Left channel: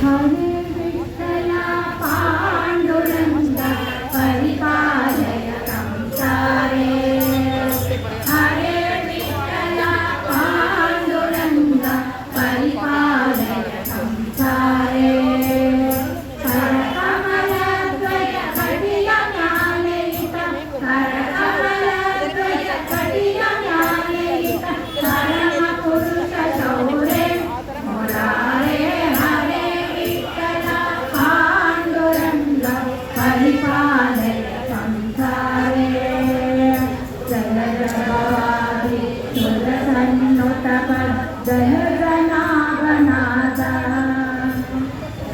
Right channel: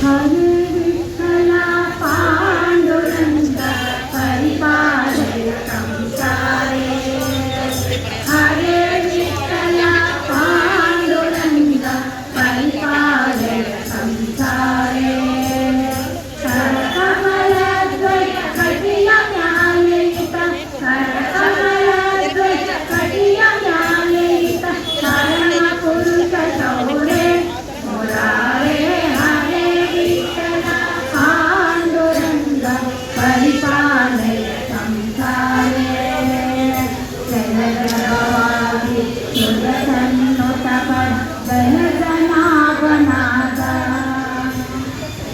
कृला Pandu परिवा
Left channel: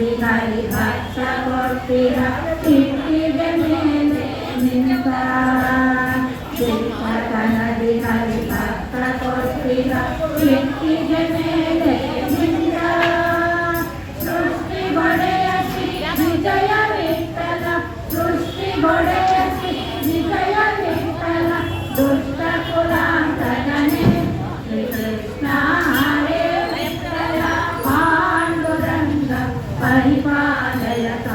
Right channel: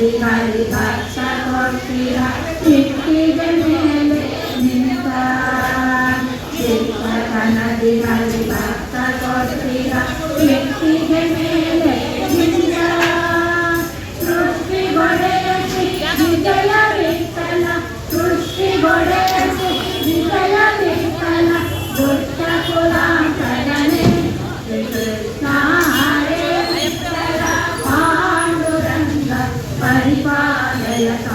Hari Hari పరిపాలయత